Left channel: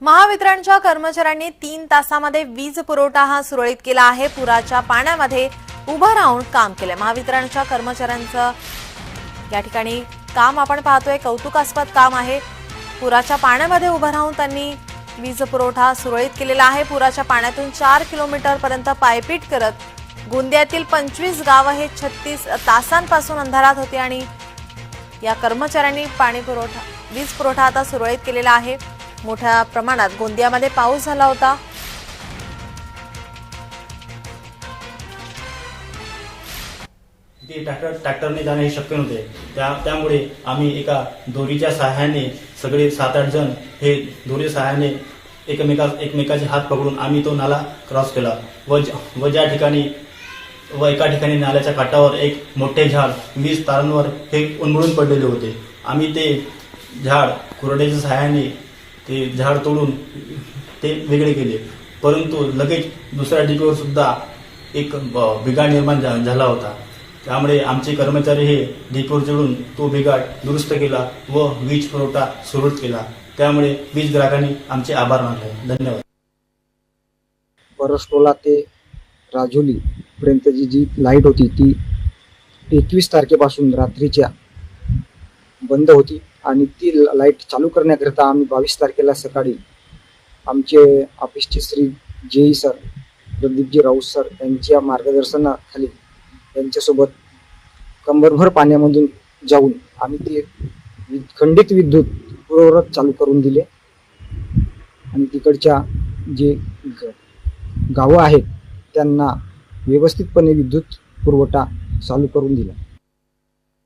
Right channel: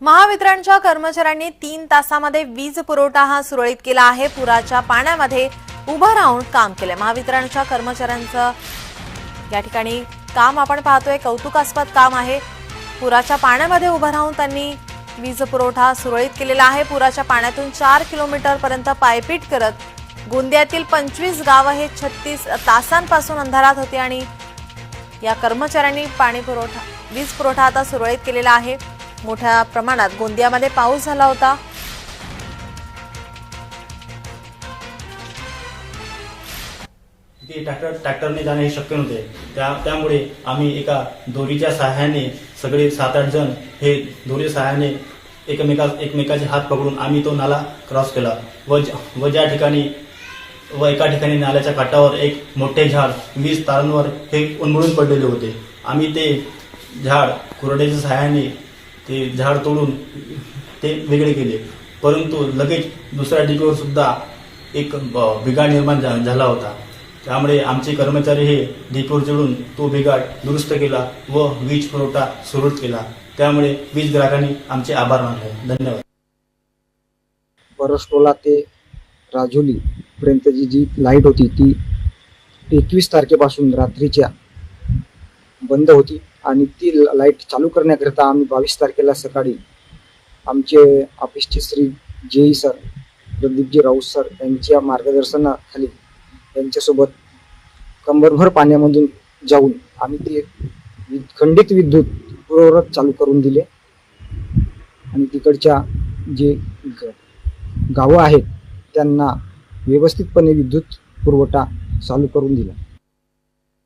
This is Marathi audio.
महावितरणच्या कर्मचाऱ्यांनी तीन तासामध्ये वीज पुरवठा हा सुरळीत केला आहे. पुराच्या पाण्यामध्ये उभं राहून काम केलं महावितरणच्या कर्मचाऱ्यांचं या ठिकाणी काम आपण पाहतोय. कौतुकास्पद काम आहे. पुराच्या पाण्यामध्ये उभं राहून त्यांनी वीज पुरवठा सुरळीत केलेला आहे. पुराच्या पाण्यातून चार किलोमीटर पर्यंत पायपीट करत गोंदियातील पंचवीस गावं हे छत्तीस तासांपासून अंधारात होते आणि या कर्मचाऱ्यांनी पाणी पुरवठा वीज पुरवठा आता सुरळीत केलेला आहे. मोठ्या प्रमाणात गोंदियामध्ये पाऊस झाला होता. ते ट्रॅक्टर ट्रॅक्टरने जाणे हे शक्य नव्हते. त्या त्यामुळे आम्ही एका दोरीच्या सहाय्याने सगळे सात आठ जण हे दोरी सहाय्याने एकमेका एकमेकाचे हात पकडून आम्ही तो नाला क्रॉस केला. व ज- व ज्या ठिकाणी व एका ठिकाणी नाल्याच्या काठावर एक मोठे झाड वीज तारांवर हे उन्मळून पडलेले होते. आम्ही ते झाड कुरड्याच्या सहाय्याने ते झाड तोडून ते वेगळे केले. परंतु लगेच दुसऱ्या डिगीवर सुद्धा एक ब- बिघाड निर्माण झा- झाला होता. त्यामुळे आमचे कर्मचारी हे डिपोर चढून तो बिघाड दुरुस्त केला व वीज पुरवठा सुरळीत केला. त्यामुळे वीज ग्राहकांनी आमचे आभार मानले. धन्यवाद. परसटोला ते राजोली पर्यंतची जी लाइट होती ती एकवीस तारखेपासून रात्रीच्या बंद होती आणि ती लाइट चालू करण्याकरिता आम्ही बावीस तारखेला सकाळी आमचे ऑफिसचे Shri JE sir Pradeepji Raut sir यांच्या मार्गदर्शनाखाली यांच्यासोबत कंबरभर पाण्यामधून जाऊन आम्ही ते खंडित विद्युत पूर्ववत चालू करून दिले. आणि तिकडच्या जे ग- गावं आहेत त्यांना व्यवस्थितपणे विद्युत पुरवठा चालू करून दिला.